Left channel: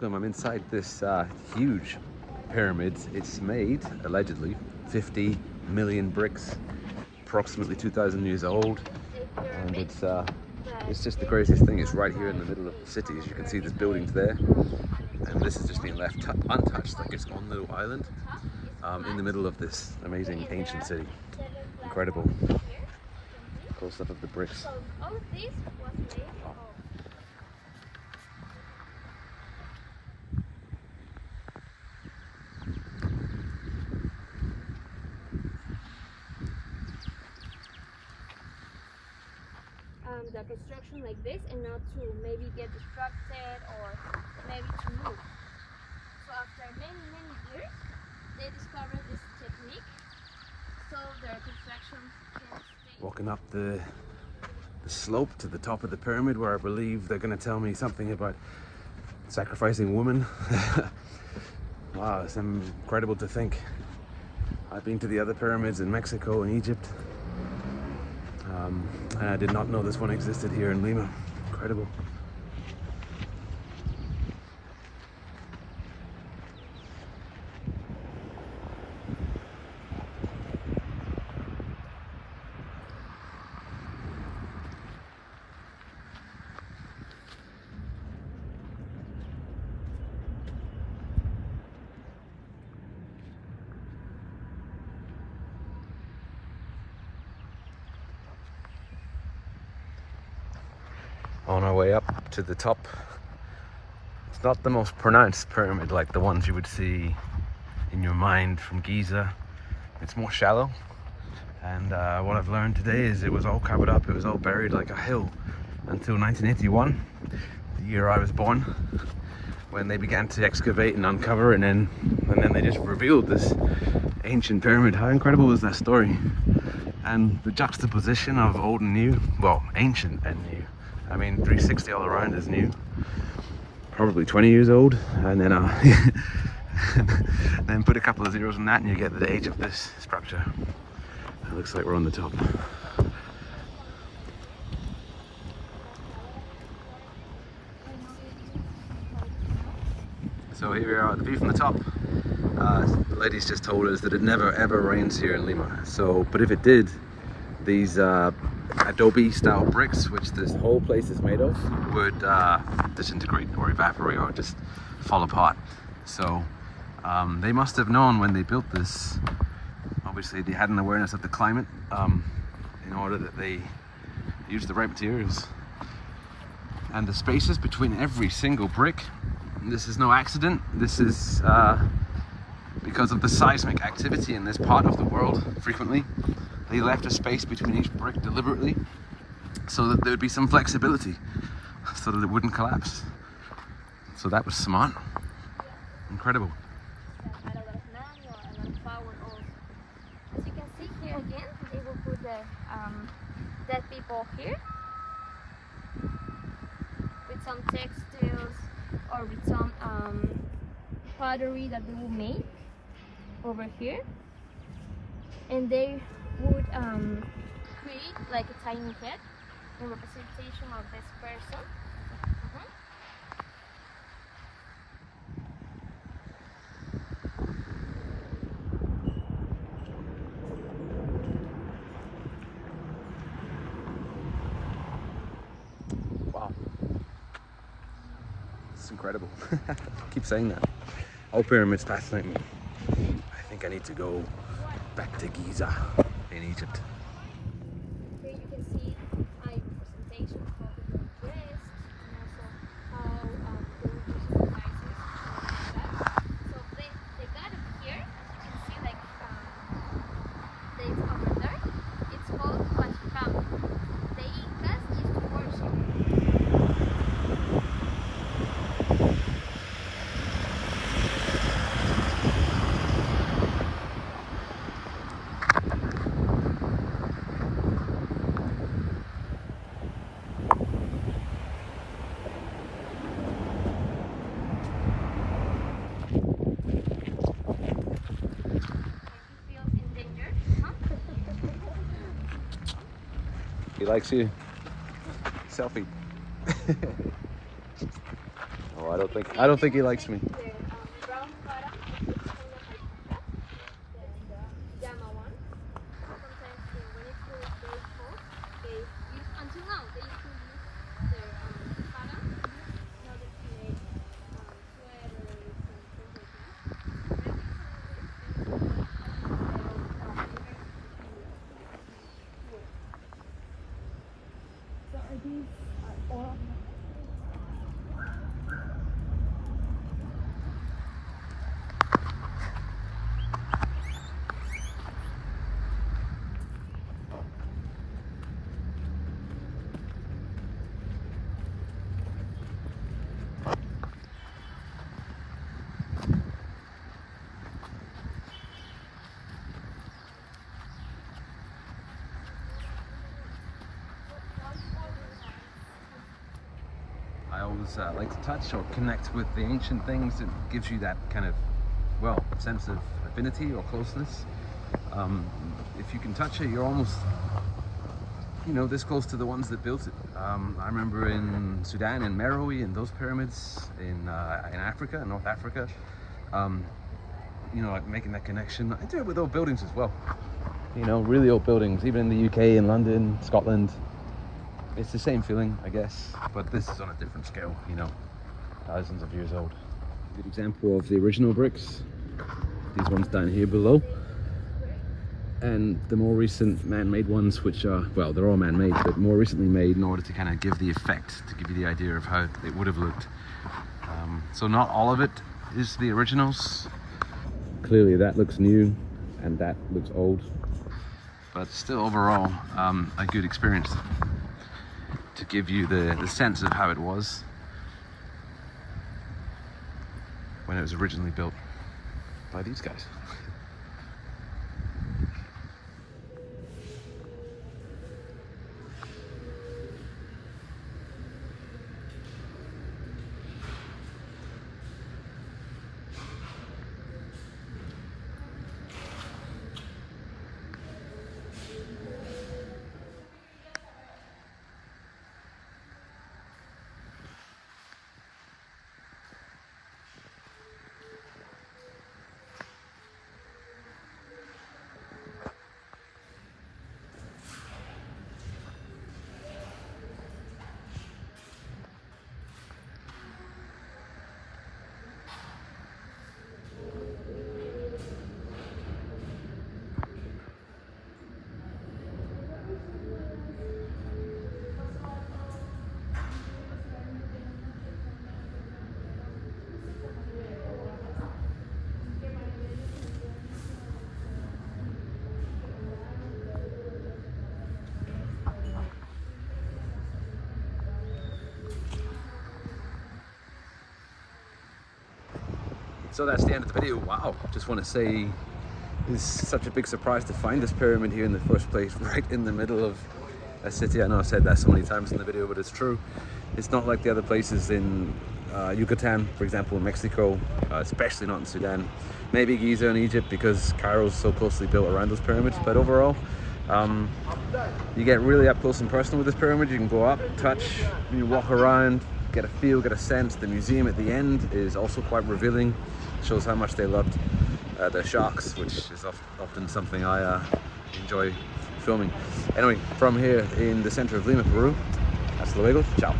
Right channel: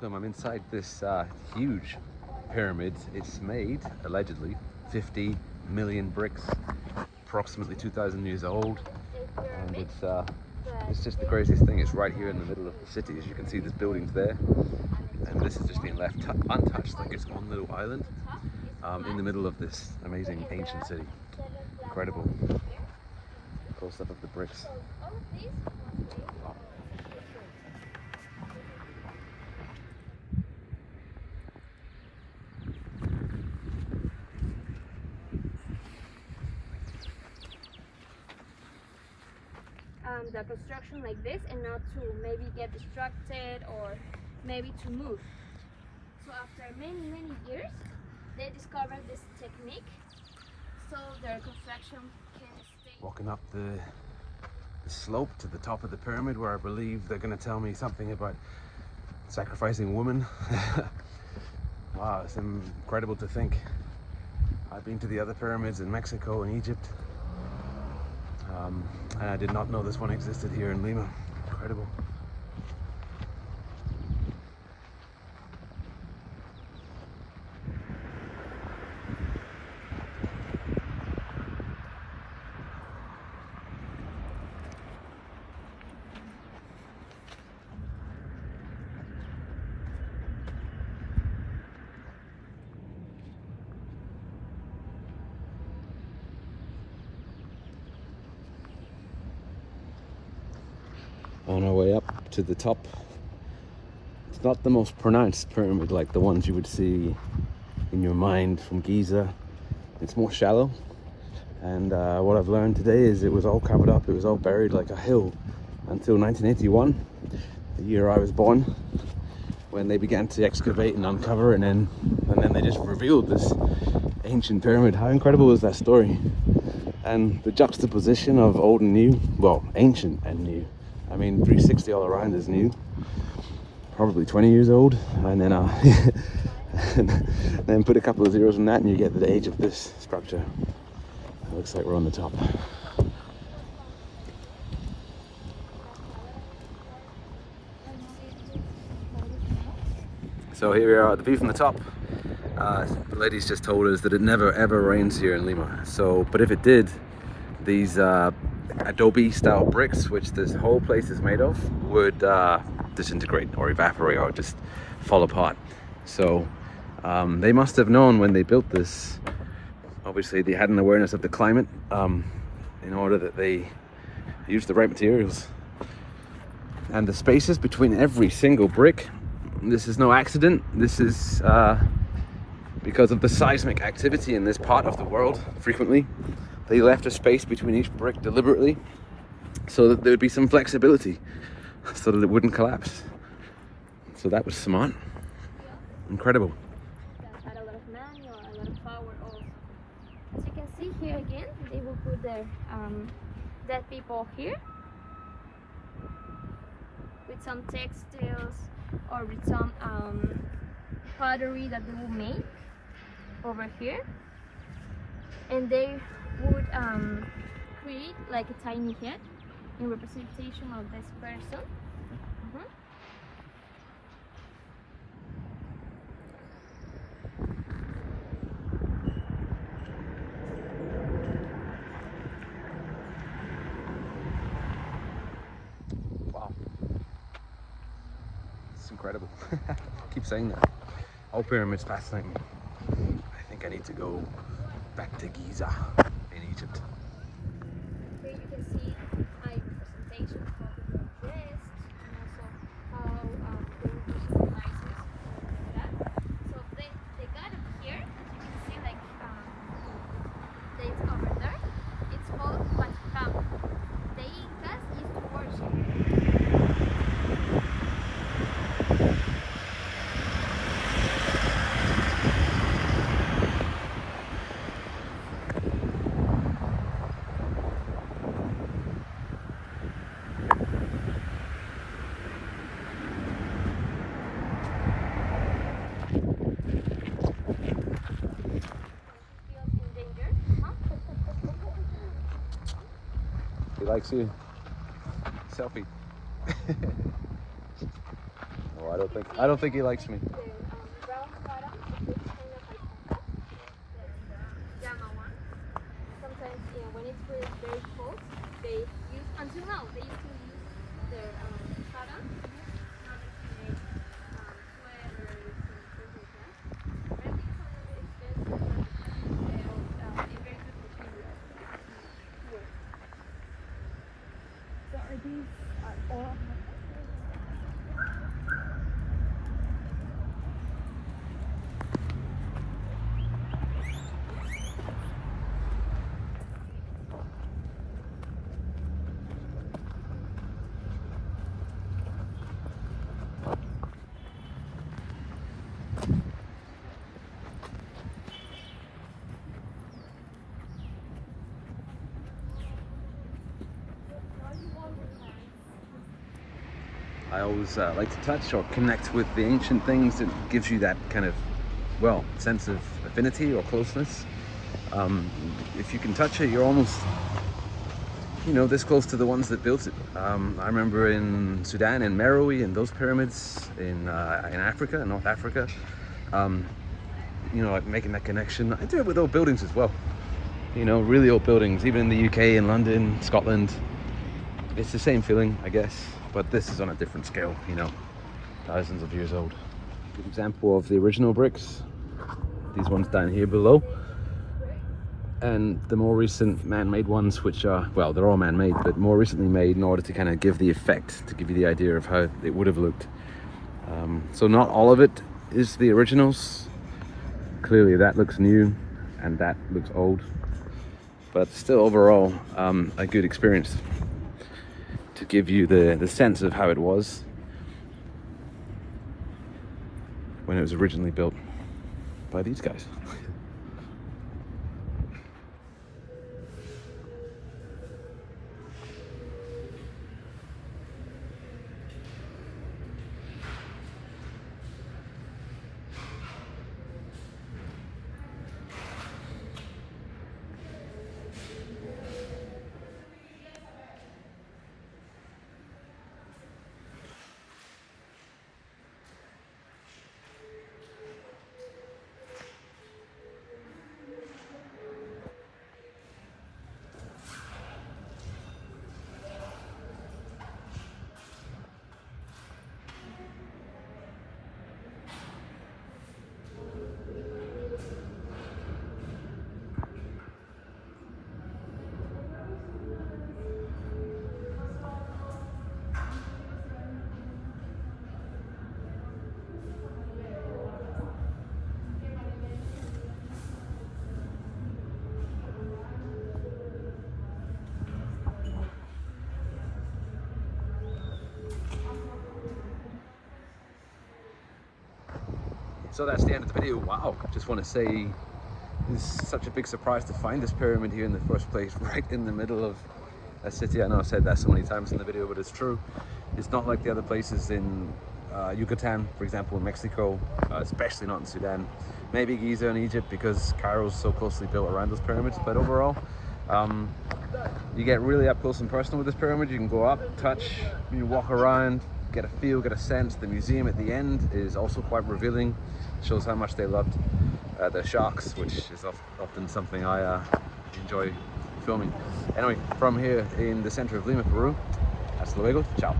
welcome. I'm inside this huge pyramid. It's made, allegedly, 50 million bricks, approximately 2,000 years old. And it's just the craziest thing. It's right here in the middle of the city. As you can see, there's buildings there. And this has just been left untouched, like its own little island in the middle of this amazing ancient city. Incredible. Close up of the bricks. The construction like this, and not to maybe get distracted or maybe to move. So after many years, they discovered this technique, so their construction can stay. Walking up the slope to the top of the pyramid, where I believe they're going to tell me something about sacrificing women. Wow, it's incredible to think. I've been to the other pyramids in Mexico and Egypt. I did not know this one existed here in Lima. Incredible. On our way up to the top, it's not the most pronounced pyramid like the ones you would see in your mind from Giza. It's more shallow, and what I've learned today is it was all covered up, it was all buried like a hill until 1981, the year I was born, when they began to excavate and uncover, and then they just revealed this ancient pyramid. How incredible was that story? And the juxtaposition of old and new, well, ancient and new. I mean, 360 all around is new, probably 20 years old, and then then put a couple of zeros on that and you get the age of this structure. It looks like we're on the top. So here we are at the view from the top. The ladies just told us that it never ever rains here in Lima. So, but if it did, these adobe style bricks, which this whole place is made of, would disintegrate or evaporate or just fall apart. So they must have known when they built this. Obviously they had an awareness of the climate in order that they use the right materials. And the spaces between every single brick, this is no accident. This is because of the seismic activity in this part of the world. Frequently they left a space between each brick deliberately so that there would be some flexibility so that it wouldn't collapse. So that was smart. Incredible. As you can see here again, they will put the dead people here with some textiles or with some pottery that they will make over here, and they would create like a tiny head in representation of this person. Wow. It's incredible. Keep saying that. All pyramids fascinate me. I think I need to go back to Giza in Egypt. Here you can see a representation of the dress and also how they were using devices like that. So they got it here, as you can see, like it's over there. It's called Huaca. The Incas used to worship. He likes you. Selfie. Oh, I don't think he likes me. Brown Huaca, the llama one. Sometimes when it's very cold, they use until now they used to use their paddle in order to make sweaters and things like that. I think it's a little bit expensive, but they're very good material to wear. So are these all? I always like to touch or connect with the ancient things. It gives you that kind of, well, sense of affinity or closeness. If you can touch it, you're almost, you know, this close to the ones that built it. I remember in Sudan, in Meroe, in those pyramids, in Africa, in North Africa, you know, like making that connection. I do it with old buildings as well. You know, really old buildings, even in the UK, in London, Scotland. It's the same feeling, I guess, but this is on a different scale, you know, thousands of years old. A good example of the original bricks, these ones down here below, and the more recent man-made ones, which are, well, they're all man-made, but more recently made in order to kind of give the effect, to give you the idea of how it would have looked. So not all of it is the originals. Clearly that looks new and that looks old, but still overall a good experience to give you the sense of how it was when it was originally built by these guys. So that's the end of the video. Wow, just want to say it's such a big surprise to find this pyramid here in the first place, right in the middle of a city. I know I've said that so many times in the video, but it's true. It's not like the other places in Yucatan, for example, in Mexico, especially not in Sudan. Maybe Giza in Egypt because Cairo's so closely built around those pyramids, but overall, you get really up close and personal with this pyramid. You can go up, touch, you walk around, get a feel, get a sense. The museum at the end is also quite revealing. It shows how much they loved the sharks, which is often something I enjoy filming. Anyway, from here in the center of Lima, Peru, hasta luego, ciao.